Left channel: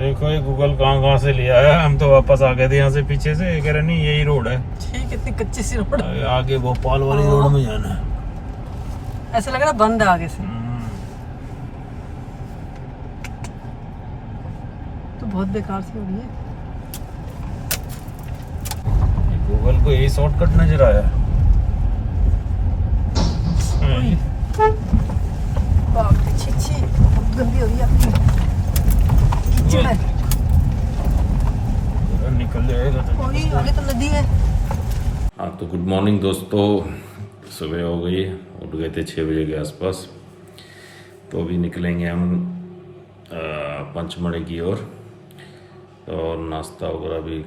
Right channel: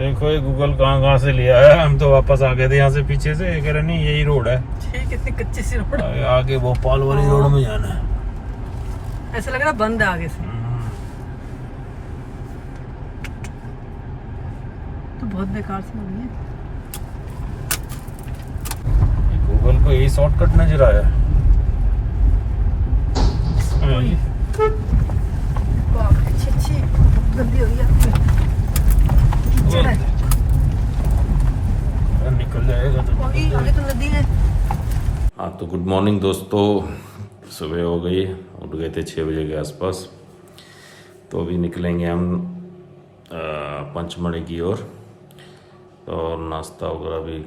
देखो ये गूगल कहाँ से लिया है। हम तो वापस आ गए थे यहाँ से पीछे से। ये कह रहे नहीं यही रोड है। कितनी कच्ची सी रोड है। आगे भोपाल वाली रोड में जाना है। ऐसा लग रहा है बंद है आगे से। तो बहुत बेकार सी हो रही है। गूगल को यही शॉर्टकट नजर आया। गंदी हो गई निकल जाएगा। आगे तो नदी है। हाँ तो गुड मॉर्निंग दोस्तों। सुबह हो गई, उठ गए थे 6 बजे के आसपास। तो अभी निकलेंगे हम पंचमढ़ी की ओर। और नाश्ता वगैरह भी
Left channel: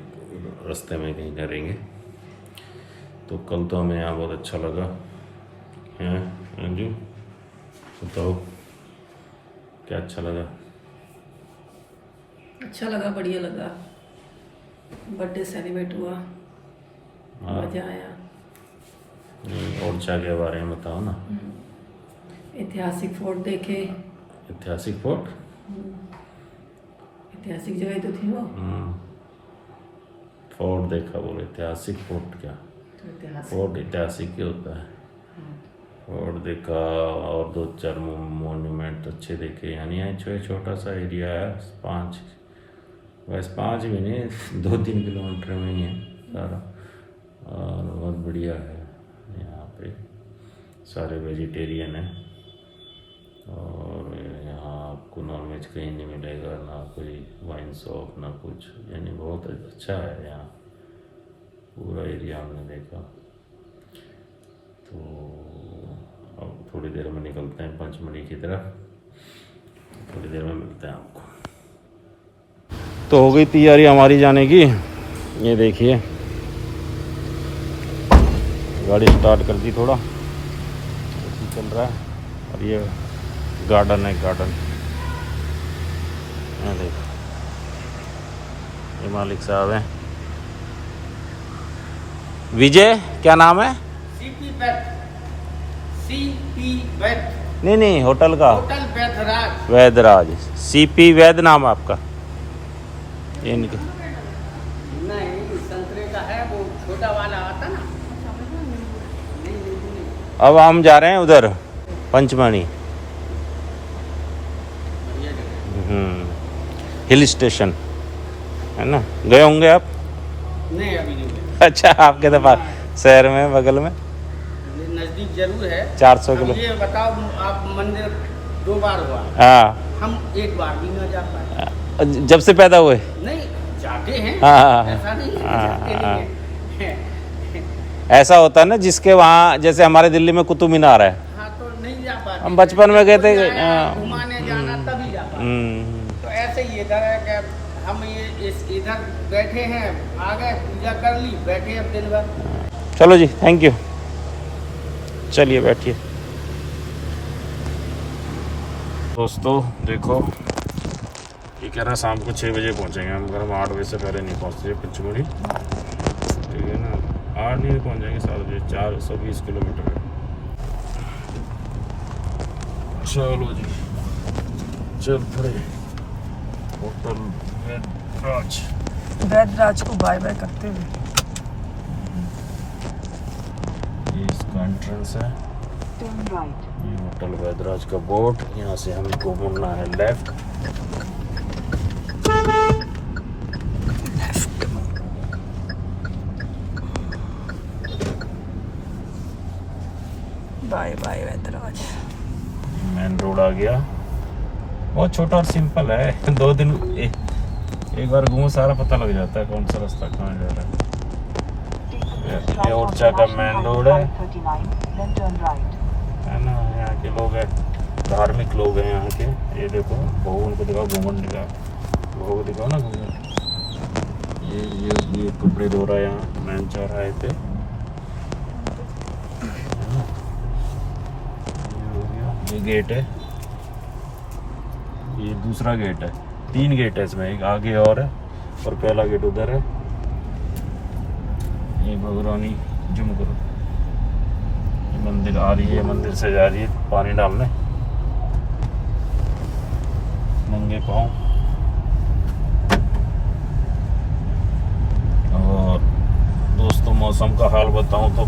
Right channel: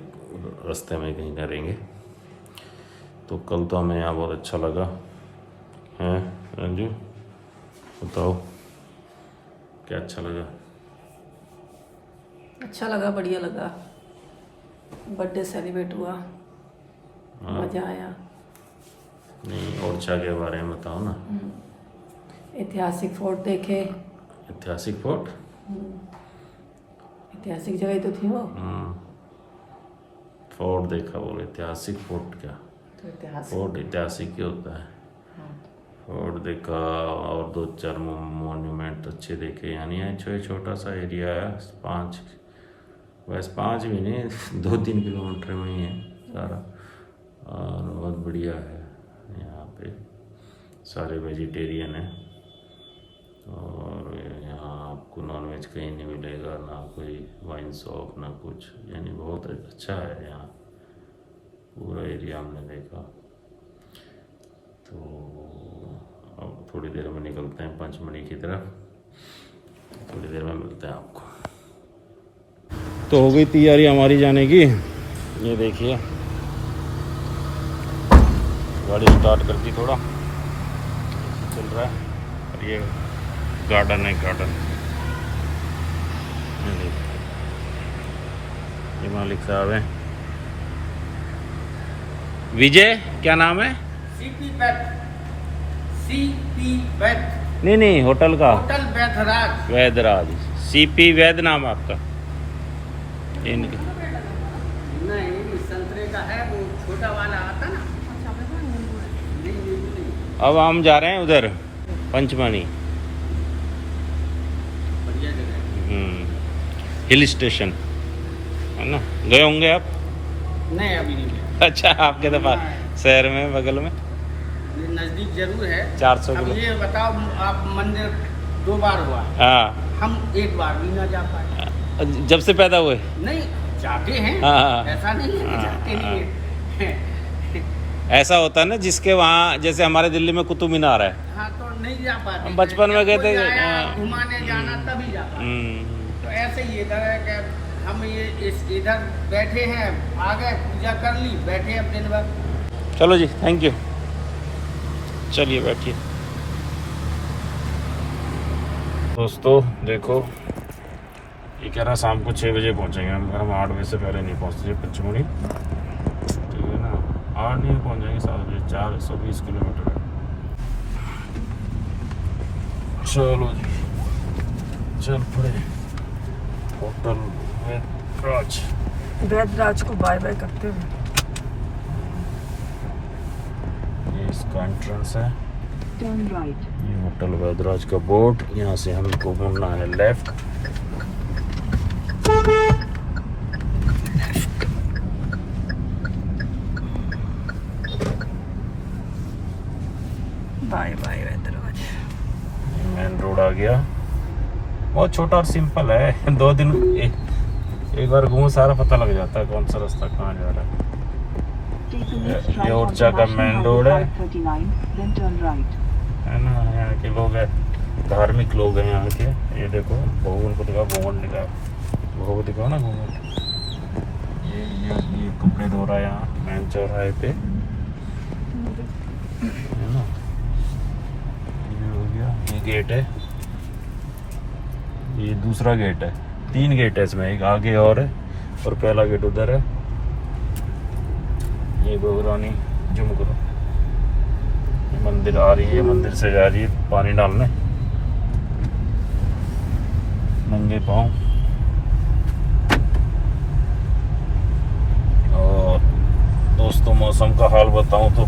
रास्ते में कहीं करेंगे। तो कल तो हमें यहाँ बहुत अच्छा लगा हैं। रंजू बताओ क्या अच्छा लगा? अच्छा लगा, बढ़िया लगा। बर्थडे सेलिब्रेट हुआ, मजा आया। नहीं ओरछा के बारे में बताओ ना। ऐतिहासिक फोर्ट देखे। ऐतिहासिक फोर्ट? ऐतिहासिक जगह ही तो थी वो। फोर्ट देखा, बोले ऐतिहासिक फोर्ट क्या? फोर्ट ऐतिहासिक ही होता है। फोर्ट देखा और 2-4 मोन्यूमेंट अच्छे देखे। यानी है छोटा सा एरिया है। 5 भी नहीं 2-3 किलोमीटर में ही है सारा। और बहुत बढ़िया है। यहाँ पे सारे वेजिटेरियन हैं। और यहाँ आपको नॉनवेज कहीं नहीं मिलेगा, ना कोई वाइन शॉप ना कुछ। यानी बहुत अच्छा है यहाँ पूरा एरिया हमने देखा। तो अब थोड़ी देर में निकलते हैं पंचमढ़ी की तरफ। थोड़ी देर में मिलते हैं आपको। तो हो गई तैयारी हमारी जाने की। ये देखिए गाड़ी स्टार्ट कर दी, थोड़ा चल रहा है। और ये गार्डन है, गार्डन। ये देखो ये मालिक साहब हैं। विजय क्या नाम है? सीपी वैद। नहीं होटल का। होटल वैदराज। वैदराज। सीपी वैद नाम आपका? इनका नहीं संतरे का है, वो छोटा वाला आता ना। अब हम जा रहे हैं उधर पंचमढ़ी। बढ़िया जगह है। हिल स्टेशन है ना। गए होंगे आप? नहीं अभी नहीं गए। अच्छा आपके तो पास शहर में बगल में ये नजदीक जरूर है। 400 अब किलो। ये बताओ आप मंदिर 2 बार हुआ, हाँ हम 1 बार भी ना जा पाए। जब से पैदा हुए? नहीं जाते हैं। हाँ। ऐसा नहीं है कि जाते नहीं है। ऐसा होता है ना जिसके वहाँ, जैसे हमारे दिल्ली में कुतुब मीनार है। हाँ तो नहीं जा पाते। हम बचपन में गए थे। घुमाने जाना तभी जा पाते। तो ऐसे ही इधर है कि हम ये इधर बैठे हैं, आ गए पूजा कर ली, बैठे अब दिन भर। चलो जी, थैंक यू। चलिए बैठिए। दोस्तों देखो ये कह रहा शाम को 6 बजे पहुंचेंगे हम। घर में 8 बजे से पहले नहीं पहुंचते पंचमढ़ी, ठीक है ना। 8 नहीं पहुंच जाएंगे, 7 बजे। 420 किलोमीटर है। चलो जी चल पड़े होटल वैदराज को बाय बाय करते हुए। ये इसका एंट्रेंस है। ये होटल वैदराज का बोर्ड। यहाँ से हमको घूमना है लेफ्ट। बाय बाय वैदराज। मेन रोड आ गया। बहुत छोटा और सिंपल है। 2 दिन एक बार घूमो सारा पता लग जाता है कौन सा रास्ता कहाँ जा रहा है। ये ओरछा का मेन रोड है ना। यहाँ के लोग हैं, धार्मिक लोग हैं यहाँ के। ये देखो भगवान को दिखाओ, भगवान दिखाओ, भगवान दिखाओ ना भगवान। ये कपड़े धो रहा है यहाँ मेन चौराहे पे। ये गेट है, ये दूसरा गेट है। 3 गेट है इसमें, एक आगे और है और पहला गेट उधर है। ये बहुरानी जुमगुरु मंदिर आ रही है, मंदिर से जा रही है पानी डालने। नंगे पाँव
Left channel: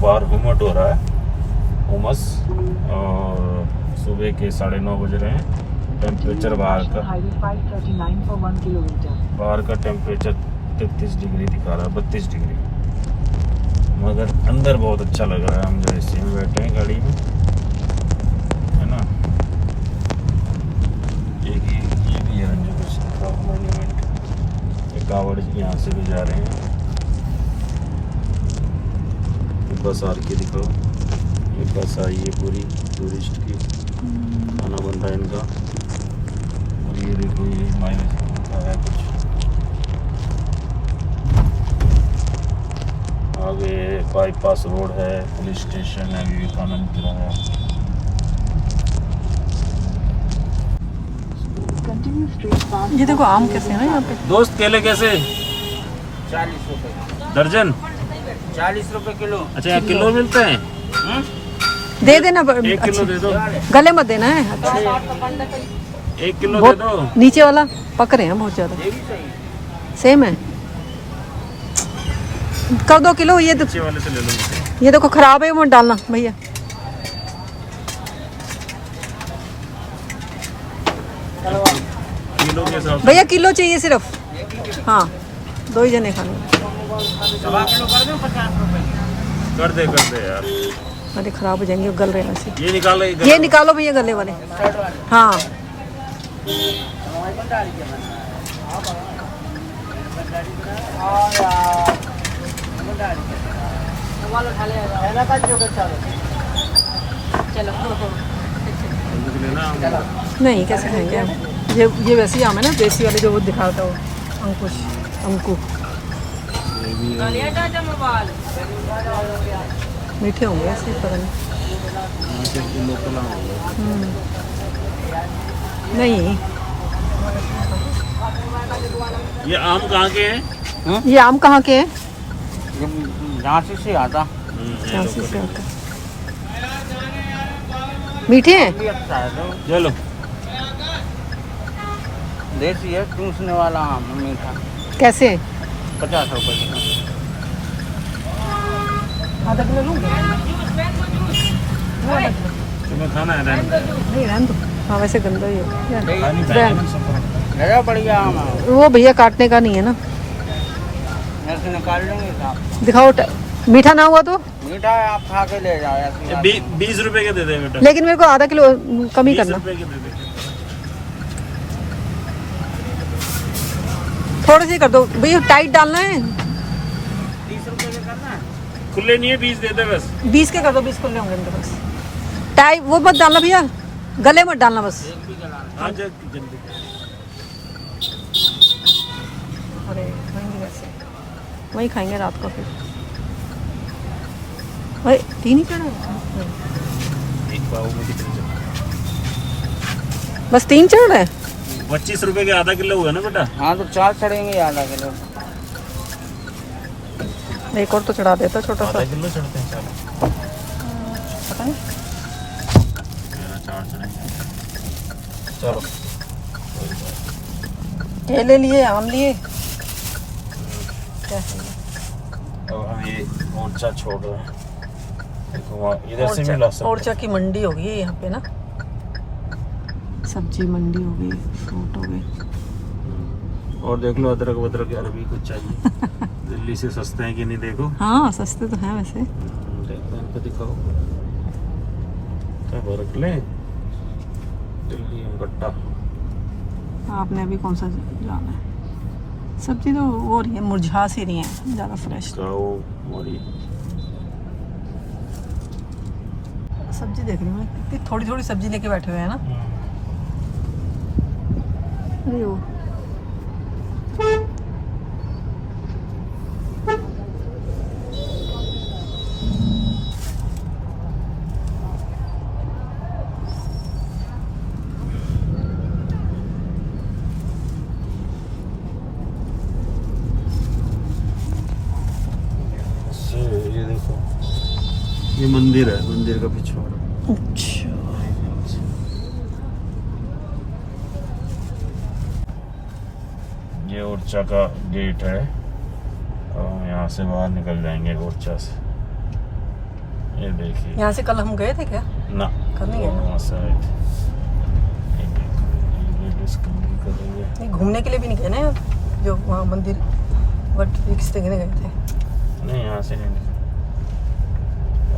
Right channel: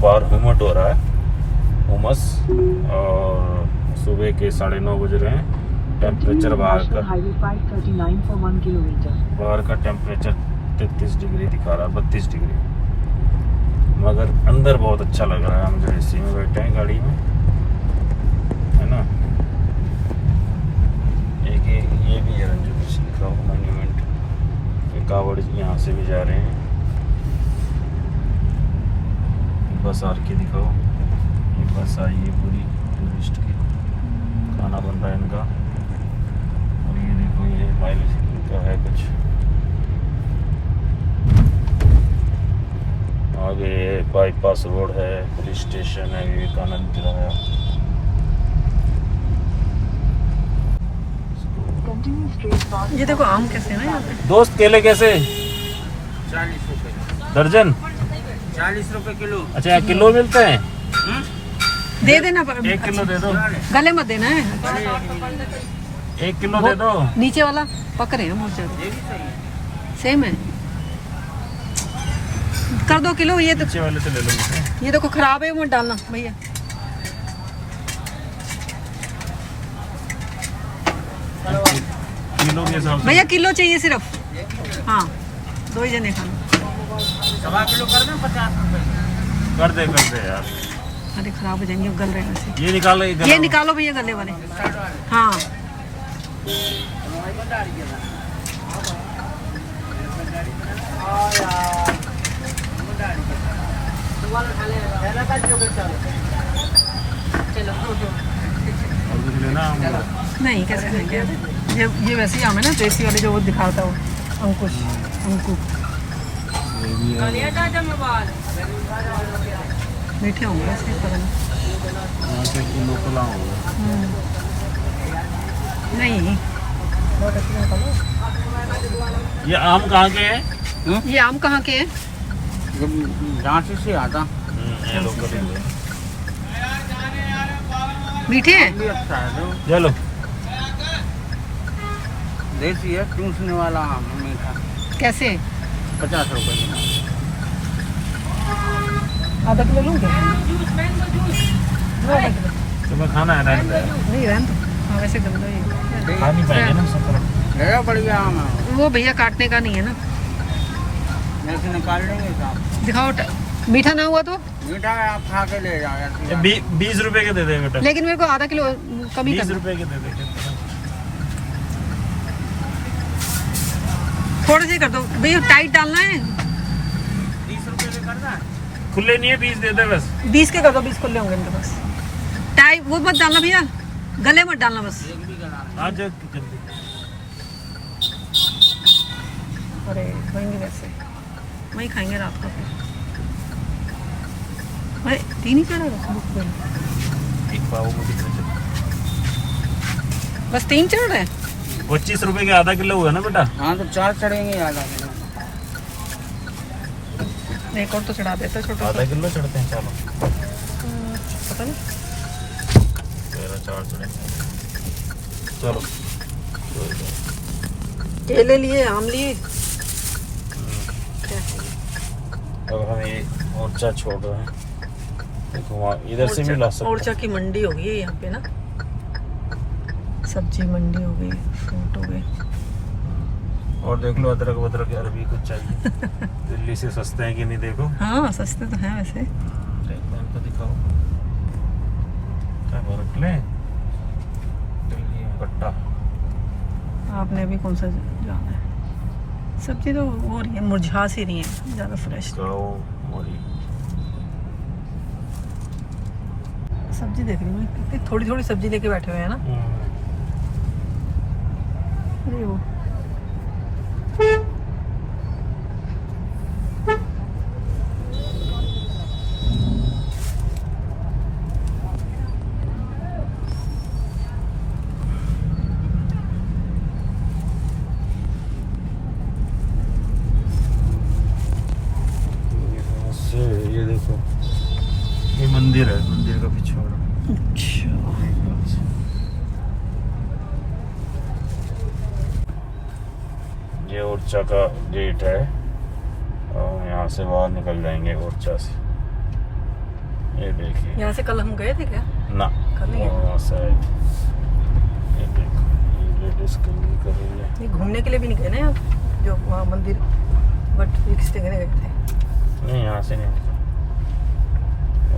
बाहर घुमट हो रहा है, उमस, और सुबह के 9:30 बज रहे हैं। टेम्परेचर बाहर का टेम्परेचर 33 डिग्री दिखा रहा है, 32 डिग्री, मगर अंदर बहुत अच्छा लग रहा है। हम जो एसी में बैठे हैं गाड़ी में, है ना। ये भी है रंजन का मॉन्यूमेंट। ये कांवड़ यहाँ से भी जा रहे हैं। बस आर के दिखाओ, ये बस आई है पूरी टूरिस्ट की, खाना बन रहा है इनका। और ये देखो, ये माइलेज का है कुछ। आगे बाईपास रोड है, पुलिस स्टेशन है, विवेकानंद है। ये देखो आम कैसे है ना यहाँ पे। दोस्त केले कैसे 40 रुपए दर्जन? 40 रुपए किलो। अच्छा, 1 किलो मिलते हैं? दे देना 1 किलो दे दो, गले मत देना है। 1 किलो दे दो। नीचे वाला पक रहे हैं बहुत ज्यादा, सेम है। कर 2 किलो। ये नीचे वाले से ले लो। ये देखो खराब है, वो डालना भैया। किलो के हिसाब से भैया किलो चाहिए सिर्फ। हाँ 2 ही जने खाने। 1.25 किलो कर दें 50 रुपए। कर दे यार। अरे खराब हो जाएंगे, गल रहे हैं वैसे। ये निकाल ले, ये निकालो भैया गले वाले। साइड वाले हाँ कुछ लेना नहीं, कैसे खाएंगे हम। ये वैसे ही आम है ना, देसी वाले जो वो दिखाता है वो, अंकुश अंकु। मीठे होंगे वैसे, पता नहीं। यहाँ के लोकल आम होगा। नहीं ये आम कहाँ के हैं? ये आम कहाँ के हैं? झांसी से आता। झांसी से। मीठे हैं? अच्छा है, चलो देसी है, टिंसने वाला आम मीठा। कैसे? 50 रुपए किलो। आधा किलो लूँगे? वो आधा किलो तुम्हें खाना है? नहीं, रहने दो। हाँ वैसे गंदा ही है। खानी चाहिए ना सब। मेरा बढ़िया आम है, वो भैया काटने का नहीं है ना। ऐसे निकाल लेंगे साहब। दिखाओ मीठा ना हुआ तो। मीठा है, आप खा के ले जाओ ऐसे। 20 रुपए के दे दे बेटा। लेकिन मेरे को आधा किलो कम ही 20 करना। रुपए के दे दे। थोड़े से कर दो भैया, टाइट डालना है। 30 रुपए के करना है। खुले नहीं है, 20 दे दे बस। 20 के कर दो, 20 खुले होंगे इनके पास। टाइट वो मत डालना भैया, गले मत डालना बस। एक भी गला नहीं। आज जल्दी। अरे खाएंगे वैसे, वही खाएंगे रात को फिर। अरे 3 ही चढ़ा एक पाव में कितने? बस 3 चढ़ रहे। 25 रुपए के आधा किलो हुआ ना बेटा? हाँ तो 4 चढ़ेंगे आधा किलो। एक और तो चढ़ा देता छोटा सा। आधा किलो चढ़ते हैं, चलो। पता नहीं। तेरा 4 चढ़ेंगे, चलो। केले लिए, आम लिए, क्या है? तो हम ये मोर्चा छोड़ रहे हैं। देखो वहाँ इधर से मिला सब। ओरछा की मंडी हो गई है यहाँ पे ना, सब्जी मंडी हो गई, फ्रूट हो गए। और देख लो अदरक वदरक यार, अभी कुछ चाहिए। दिल्ली से सस्ते हैं कि नहीं देखो। हाँ सस्ते तो हैं वैसे। देखो इनको दिखाओ, क्या बर्फ ले दिल्ली में कट्टा। आपने अभी कौन सा जाना है? सब्जी तो वो रही है, मुरझा सी रही है, ज़्यादा फ्रेश। हाँ वो और ये सब्जी देख रही हूँ, कितनी थोड़ी थोड़ी सब्जी लेके बैठे हुए हैं ना। अरे वो ये देखो, ये मंदिर है, मंदिर का पिछवाड़ा। अच्छा, ये ओरछा का गेट है और यहाँ से बाहर निकल जाएंगे ओरछा से। ये देखिए यहाँ से कल हम गए थे क्या? ना, कल नहीं है ना। वो साइड ये देखो, ये लेडीज कैंपिंग कर रही है। नहीं, घूमने के लिए भी नहीं गए ना यार, जो वहाँ मंदिर बट फिक्स देखने गए थे। नहीं, यहाँ से नहीं दिखा।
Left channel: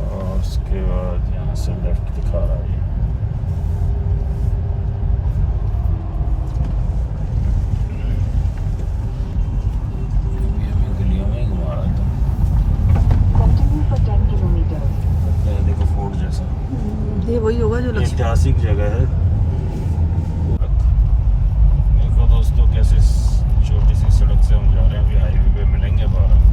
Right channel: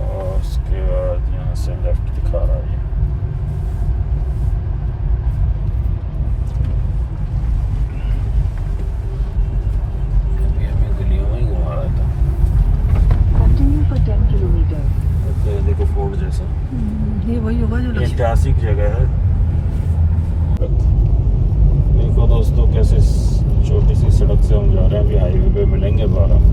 और उसके बाद यहाँ से लेफ्ट दिखा रहा है। हमें गलियों में ही घुमा रहा था। ये देखो फोर्ट जैसा, ये वही होगा जो लक्ष्मी। ऐतिहासिक जगह है। देखो दोस्तों, कैसे छोटी सी सड़क से हम जा रहे हैं। अभी हाईवे पे मिलेंगे बारह।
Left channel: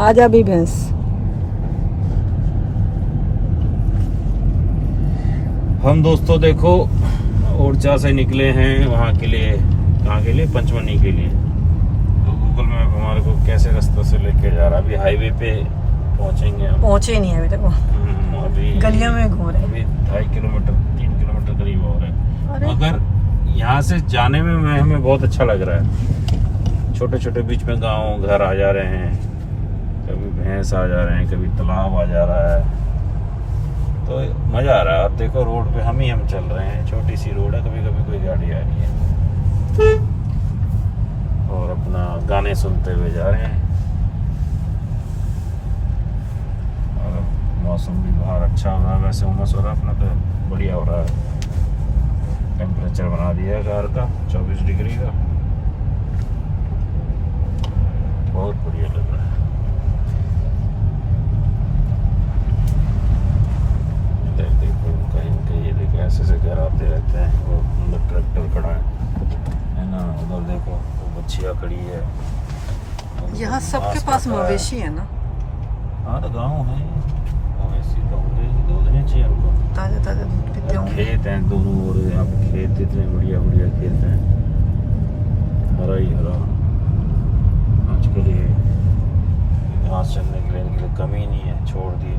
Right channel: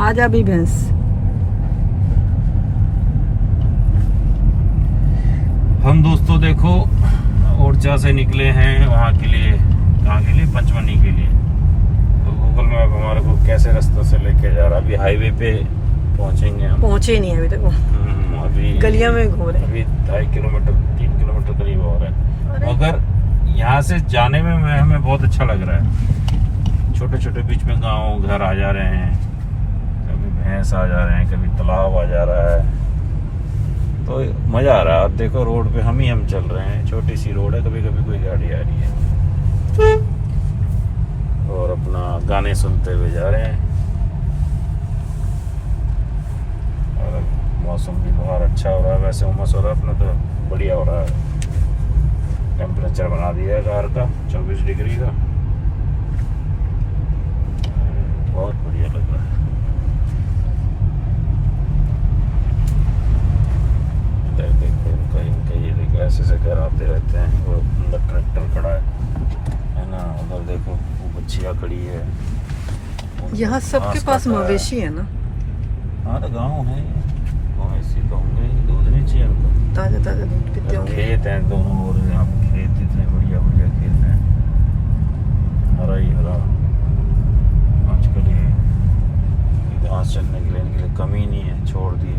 आजा भी भैंस। हम दोस्तों देखो ऊर्जा से निकले हैं वहाँ के लिए। कहाँ के लिए? पंचमनी के लिए। गूगल मैप हमारे को कैसे रास्ते से लेके जा रहा है। अभी हाईवे पे पहुँचेंगे हम। पहुँचे नहीं अभी तक, अभी गलियों में घूम रहे हैं। अभी 2.5 किलोमीटर 3 किलोमीटर करीब हो रहा है। अरे मगर यहाँ से जाने में हमें बहुत अच्छा लग रहा है। छोटे छोटे बीच में गाँव घर आ जा रहे हैं, कभी भैंस आ जा रहे हैं, कभी तालाब आ जा रहा है, तो मज़ा आ रहा है। आप देखो रोड पे हम चल रहे हैं, छोटी सी रोड है, कभी कभी कोई गाड़ी आ रही है और अपना गाने सुनते हुए जा रहे हैं। और मौसम भी बाहर अच्छा हो रहा है, वैसे उमस हो रहा है अपना तो बढ़िया हो रहा है। टेम्परेचर बना दिया है बाहर का 24 डिग्री का, बहुत बढ़िया लग रहा है। ऐसे से क्या आते रहते हैं। वो अंदर ट्रैक्टर खड़ा है ना, उधर देखो वो बच्चियाँ खड़ी है। यहाँ सबके पास मवेशी है ना। हाँ तो गाँव है, मवेशी तो होंगे, दूध नहीं चाहिए हमको। ताजा ताजा दूध पीते होंगे। खेत हैं दोनों, खेत इतने बढ़िया बढ़िया खेत हैं। हरा ही हरा। आज के लिए घास चलने के लिए कमी नहीं है, छोड़ दिए।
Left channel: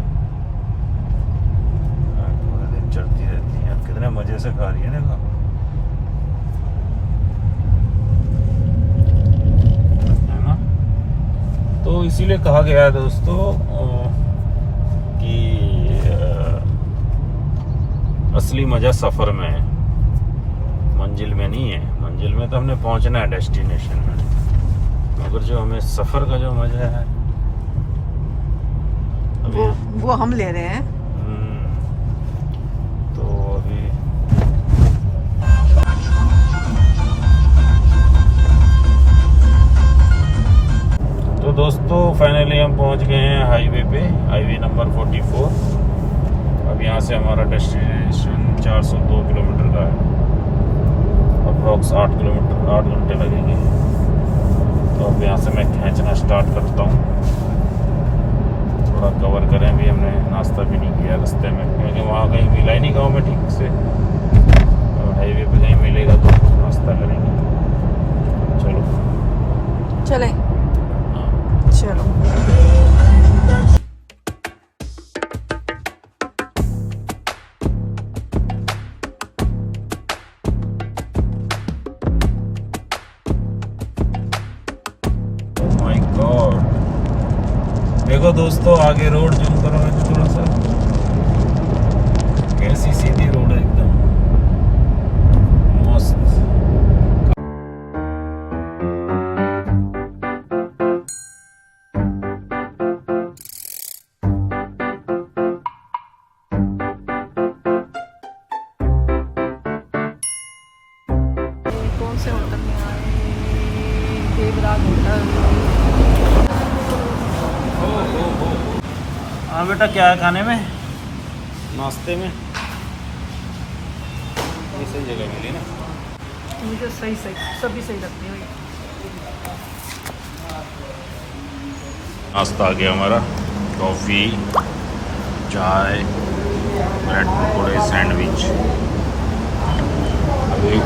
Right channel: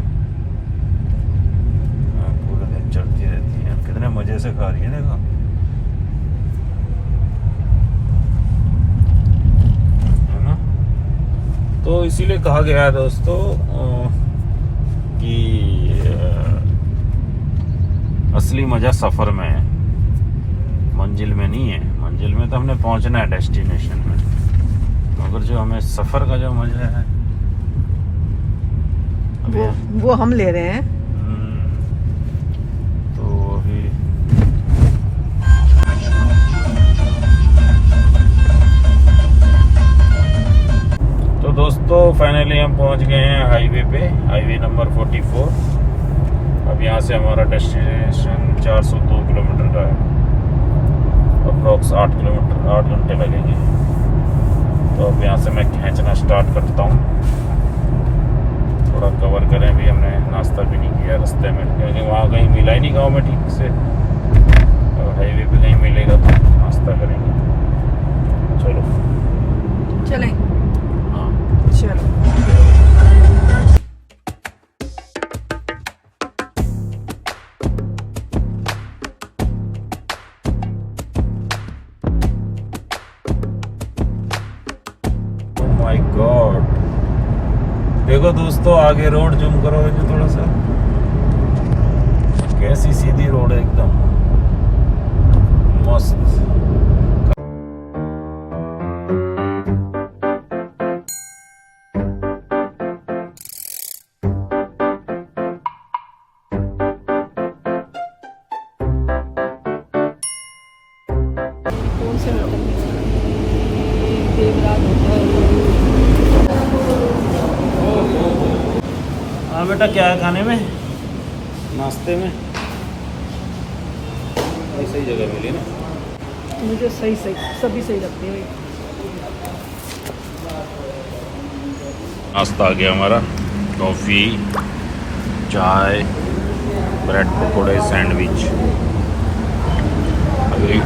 पूरे दिन चलती रहती है, कितने मजे से खा रही है। देखो है ना, तो इसीलिए कहा गया है दोस्तों कि असली मजा सफर में है, मंजिल में नहीं है। मंजिल में तो हमने पहुंचना है डेस्टिनेशन में, मगर जो हमें सफर का जो मजा है वो हम ले रहे हैं। तो अभी तो दोस्तों फाइनली हम पहुंच गए हैं हाईवे पे, हाईवे नंबर 44। अब यहाँ से हमारा डेस्टिनेशन 402 किलोमीटर का है, अप्रॉक्स 8 घंटे लगेंगे। तो अब यहाँ से मैं खींचना स्टार्ट करता हूँ। थोड़ा कवर करें भी, हमने नाश्ता भी नहीं किया रास्ते में, क्योंकि वहाँ कहीं मिला ही नहीं गाँव में ठीक से। और हाईवे पे कहीं मिलेगा तो नाश्ता करेंगे। चलो चले। हाँ चलो। माय गॉड, देखो दोस्तों आगे रोड जूम करोगे तो थोड़ा सा कैसी सीधी रोड है, एकदम मस्त। हाँ बेटा, क्या है खाने में, नाश्ते में? ये सही जगह मिली ना, मुझे सही सभी सही लगती है। नाश्ता आ गया हमारा, कॉफ़ी, चाय, ब्रेड पकौड़े सैंडविच। अभी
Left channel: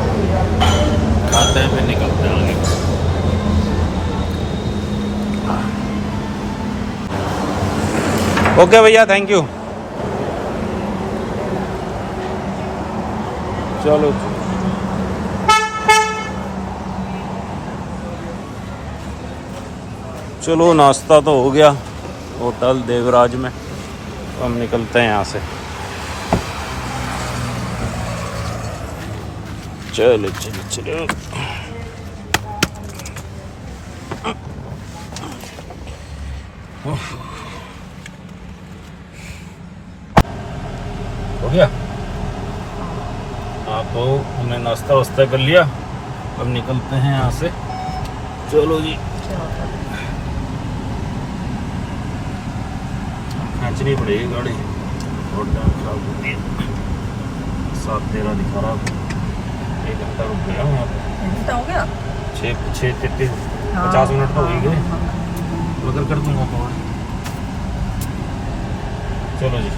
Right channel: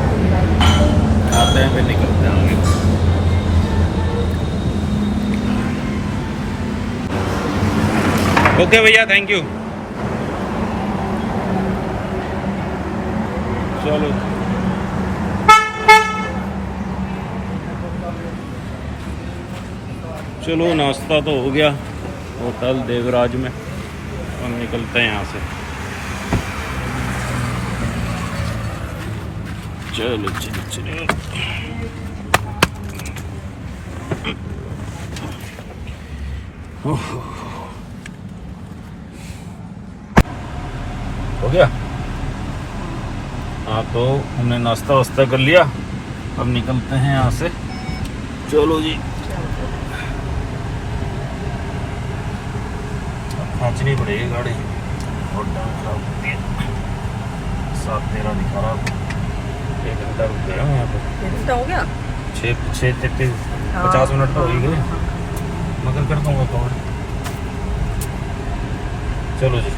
खाते हैं फिर निकलते हैं आगे। ओके भैया, थैंक यू। चलो चलो, नाश्ता तो हो गया होटल देवराज में। हम निकलते हैं यहाँ से। चलो चलो चलो। हो गया। हाँ, तो हमने नाश्ता वास्ता कर लिया। अब निकलते हैं यहाँ से। चलो जी। खींचनी पड़ेगी गाड़ी। हो गया 50 मिनट तो हो गए, मगर कर दूंगा फोन। चलो जी।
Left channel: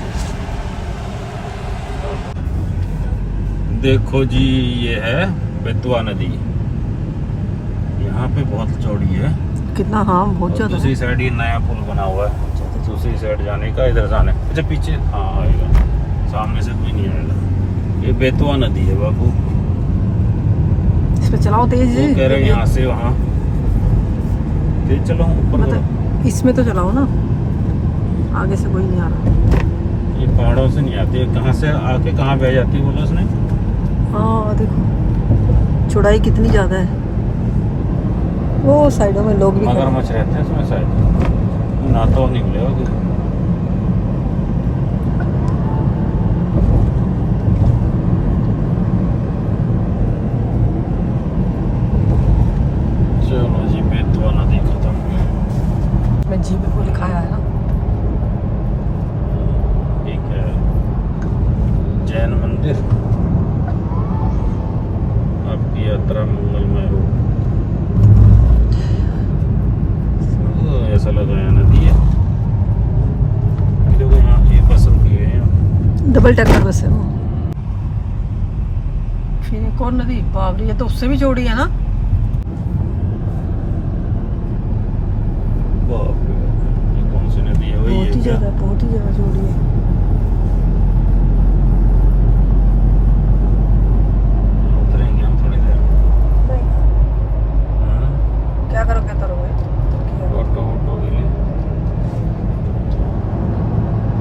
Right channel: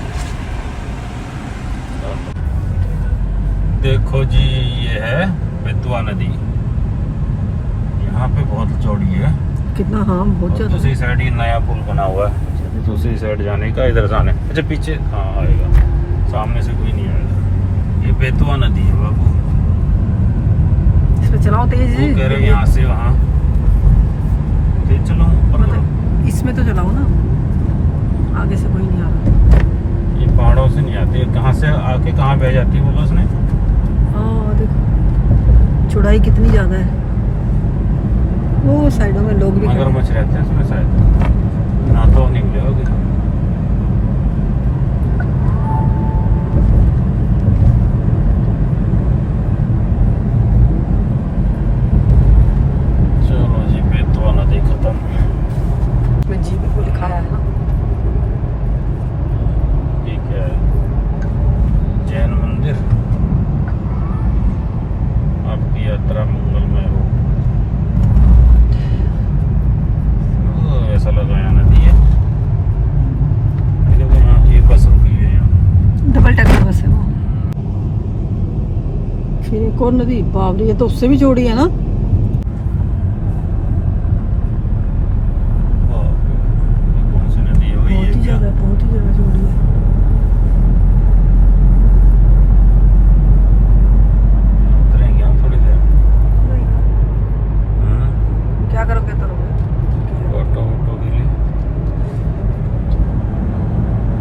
देखो जी, ये है बेतुआ नदी। यहाँ पे बहुत चौड़ी है। कितना? हाँ, बहुत ज्यादा। दूसरी साइड ये नया पुल बना हुआ है, दूसरी साइड जाने का। इधर जाने, अच्छा पीछे हाँ आएगा, सामने से कोई नहीं आएगा। ये बेतुआ नदी है बाबू। इस पे चलाओ तेज। वो कह रहे हैं यहाँ से वहाँ तेज चलो ऊपर। मतलब इसमें तो चलाओ ना, आगे से कोई नहीं आ रहा। ये पहाड़ों से नहीं आती है, कहाँ से आके कहाँ बह जाती है बोलो उसने। हाँ देखो, चौड़ाई कितनी ज्यादा है। वो साइडों में लोग भी मगरमच्छ रहते हैं इसमें शायद, ना तो नहीं मिलेगा कोई। चलो जी, बेतुआ नदी खत्म। में जी पे को दिखाया है ना। ये क्या है? जैन मंदिर। आपकी यात्रा मंगलमय हो। ऐसा लग रहा है नदी है। देखो यहाँ ये बस रुकी है। डबल टैकर बस है वो। फिर एक और नदी, बाप रे, ये तो उससे भी चौड़ी है ना। बाप रे, ये कौन सी नदी है? वही बहुत ही है क्या? ज्यादा, बहुत ही ज्यादा चौड़ी है। उतरेंगे हम थोड़ी देर। क्या करोगे तरोगे? ऑटो के लिए।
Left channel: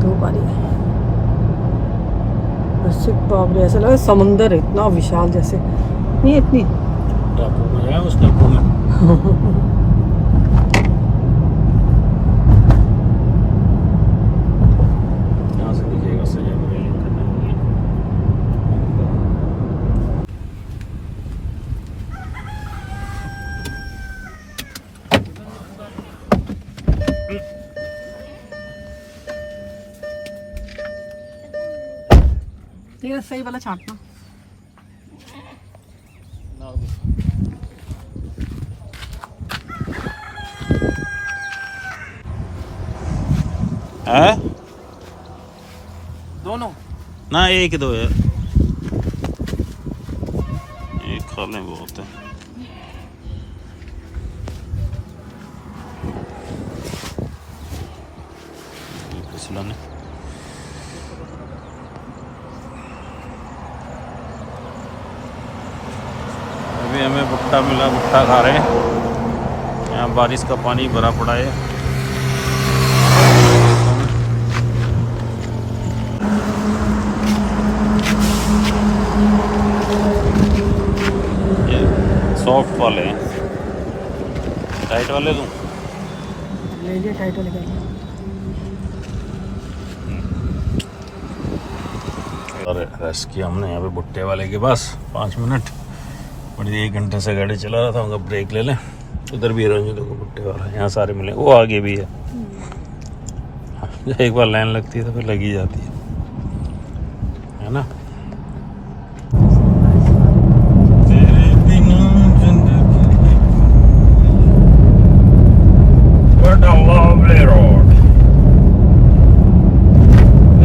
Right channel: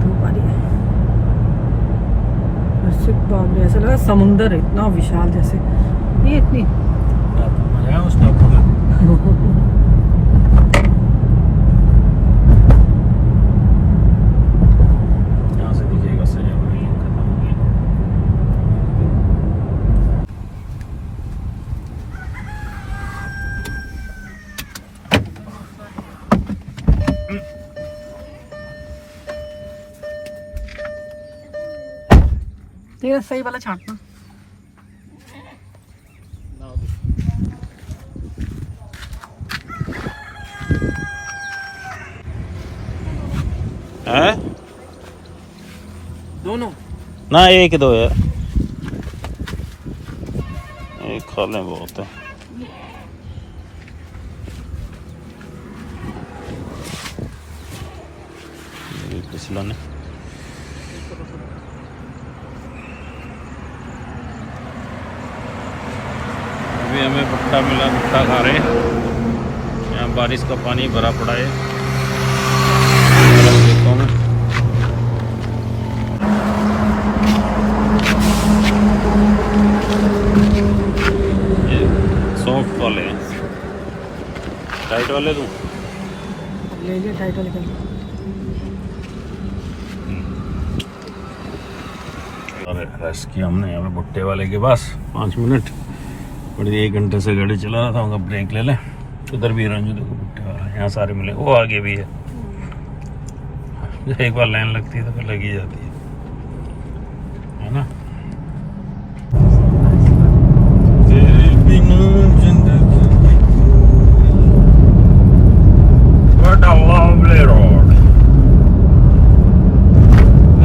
धूप आ रही है। ऐसे बाप रे, ऐसा लगा समुंदर है, इतना विशाल जैसे। ये इतनी टापू में है, उस टापू में। यहाँ से दिखेगा सही, रेलिंग खत्म हो गई। ये सही वाला छांटना। है दोनों ना, एक दो यार, एक खा लें बहुत है। फिसलन है। अभी हमें भुट्टा मिला, भुट्टा खा रहे हैं। यहाँ बारिश का पानी भरा पड़ा है खेतों में। सॉफ्ट वाले हैं, टाइट वाले दूं? अब ले लिए टाइटल निकाल। और रेस्ट किया हमने यहाँ पे भुट्टे वाले के पास 5 मिनट। बड़ी 1 घंटे से गाड़ी चला रहा था, उनका ब्रेक ले लें। उधर भी रंजू देखो भुट्टे वाला, यहाँ सारे मिले, वो आगे भी है। एक बार लाइन लगती है तो फिर लगी जाती है ना।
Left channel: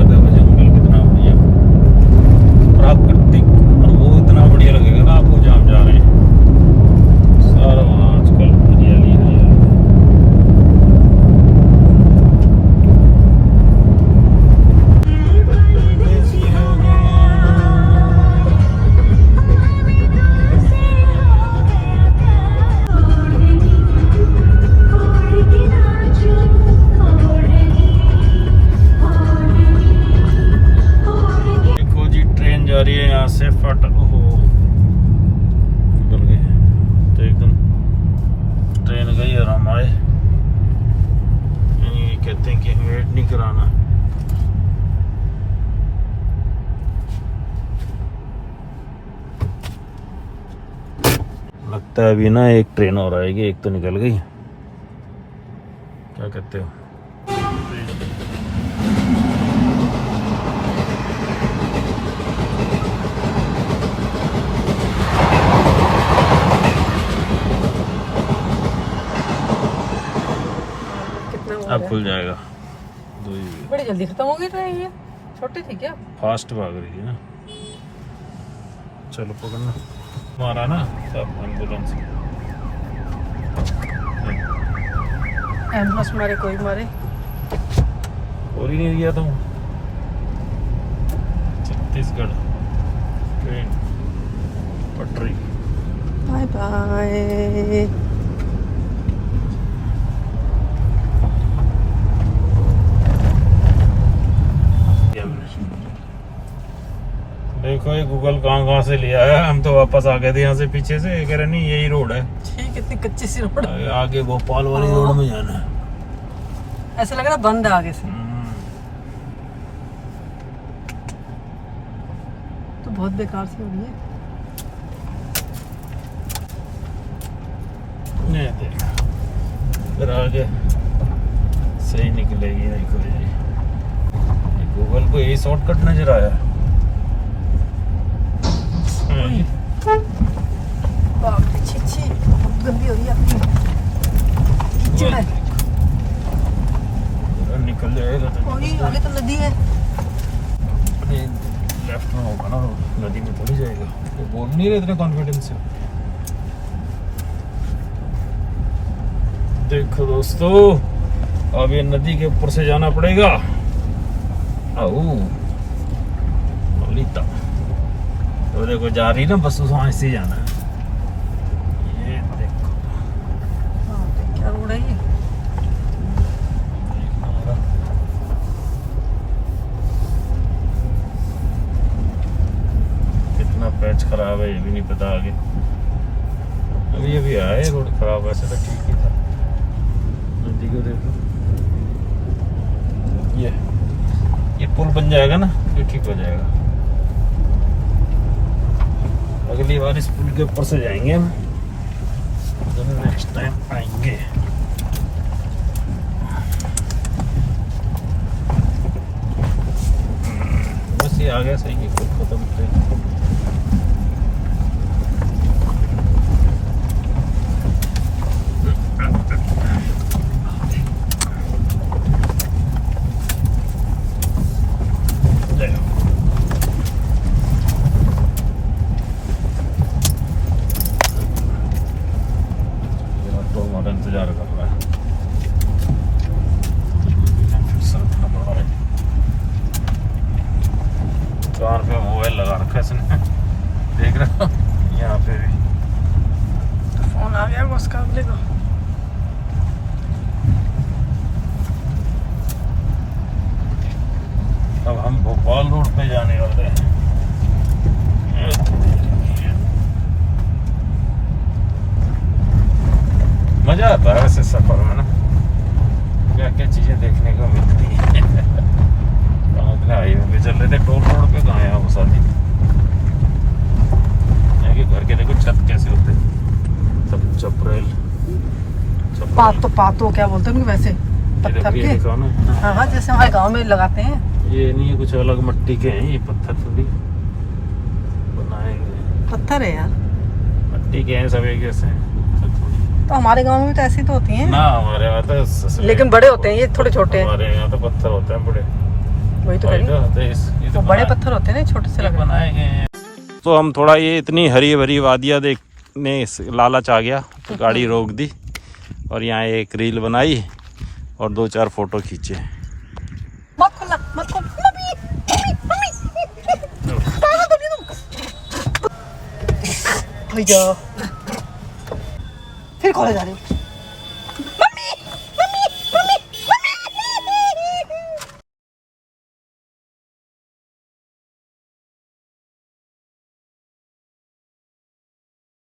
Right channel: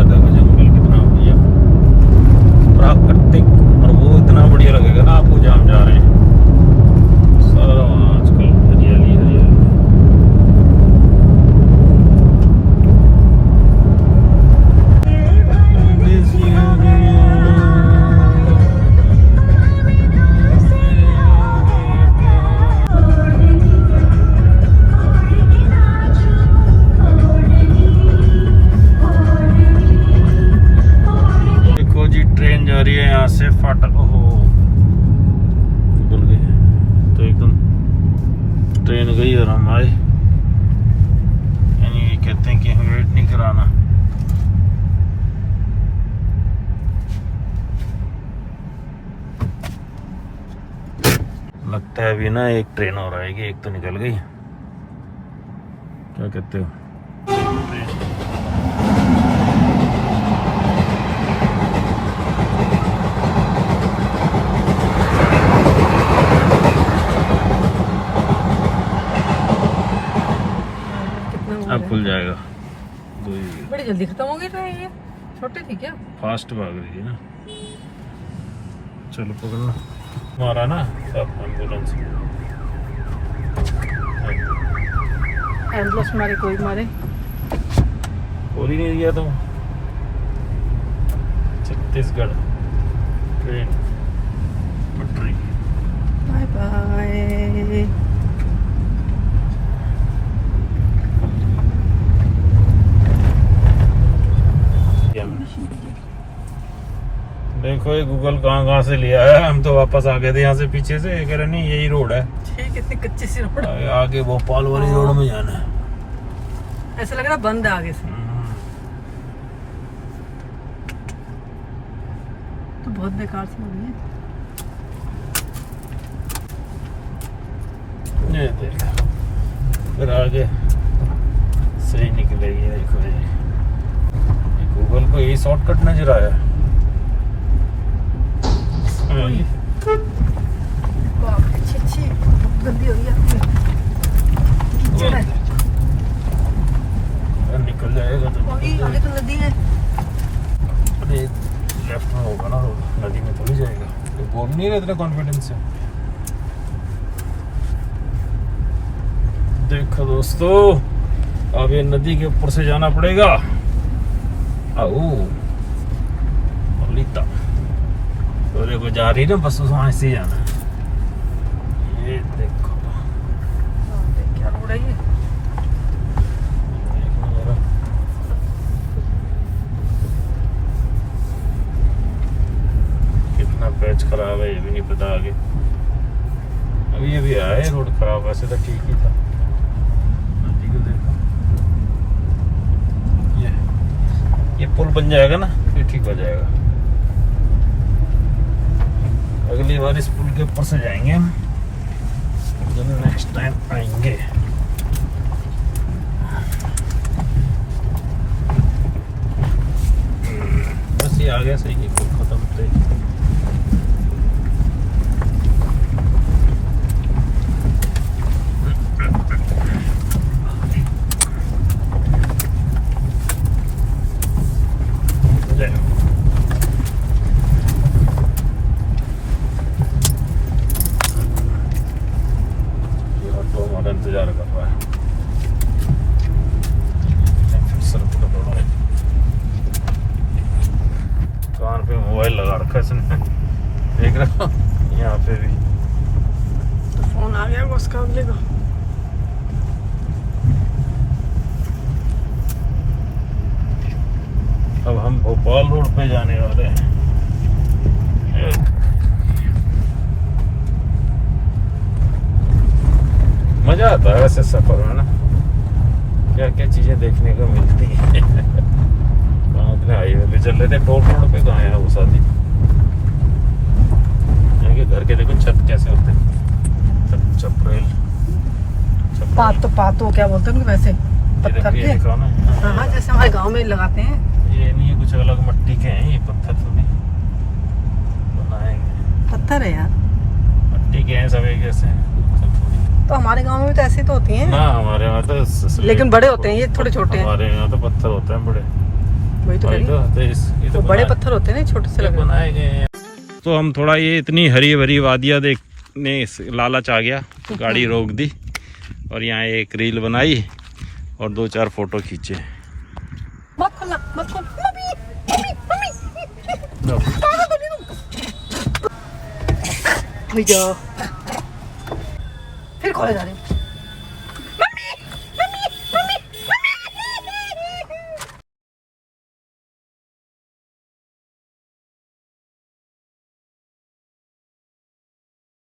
जंगल कितना बढ़िया। लगता है अभी ना एक ट्रेन और आएगी, एक तो निकल गई। क्या कहते हो? अब खुल जाएगा। बड़ी जल्दी खत्म हो गई ट्रेन, ये छोटी थी क्या? फास्ट भाग रही है ना। चलो पकड़ना हमारा ना, सब एम्बुलेंस एम्बुलेंस मारे कोई मारे और ही नहीं गया तुम। छत्तीसगढ़ ट्रेन पटरी। Bye bye. देखो ये गूगल कहाँ से लिया है, हम तो वापस आ गए थे यहाँ से पीछे से। ये कह रहे नहीं यही रोड है। ठीक, कितनी कच्ची सी रोड है। आगे भोपाल वाली रोड में जाना है। ऐसा लग रहा बंद है आगे से। तो बहुत बेकार सी हो रही है। ये देख फिर आगे सही निकलेगी। देखो ये गूगल को यही शॉर्टकट नजर आया। अच्छी गंदी हो गई। निकल जाएगा तो आगे तो नदी है। अरे लेफ्ट में होगा ना, नदी में थोड़ी जाएगा। तो बोल नहीं रहे इतना कॉन्फिडेंस से। देखो दोस्तों, अब ये नदी के ऊपर से जाना पड़ेगा। आओ लीता तो देखो जा रही ना बस, वहां से जाना है। ये देखो क्या रोड है ये? कितना पैच खराब है ये भी नहीं पता आगे। अभी अभी आया है रोड खराब, वैसे तो ठीक ही था। नदी को देखो, ये पुल बन जाएगा ना फिर ठीक हो जाएगा। अगली बार इस पुल के ऊपर से जाएंगे हम, नेक्स्ट टाइम आएंगे। बस ये आगे सही है, पुल खत्म हो गया। इंतजार कर रहा है। कान पे मोबाइल लगा रखा है इसने, देख रहे हो यहाँ पे भी। तो फोन आ गया उसका अगले को। अब हम भोपाल रोड पे जाने वाले हैं। मजा आता है ऐसे सफर में ना, क्या क्या चीजें देखने को मिलती है। हाईवे पे चल रहे थे, टोल रोड पे कहाँ है वो शादी। घर के देखो छत कैसे होता है, छपरेल पातो क्या बोलते हैं वैसे, पत्थर के। हाँ हाँ, जैसे हमारे गांव में लगाते हैं। ये नहीं कुछ अलग मट्टी के हैं, ये पत्थर थोड़ी बनाएंगे। पत्थर है यार, मट्टी के हैं सभी कैसे। तो हमारे गांव में भी तो ऐसे तो होती हैं ना, हमारे में तो लेकिन बड़े होते हैं, ये थोड़े छोटे हैं। हमारे यहाँ तो पत्थर होते हैं बड़े। वही तो कह रही हूँ, वो बड़े पत्थर होते हैं ना, छोटे से लगे बनाए गए हैं। तो हम थोड़ा ये इतनी हरी भरी वादियाँ देखने लालच आ गया, तो गाड़ी रोक दी और यहाँ एक रील बनाई और 2-4 फोटो खींचे। मत खोलना, मत खोल। भैया फिर खोले जा रही हूँ।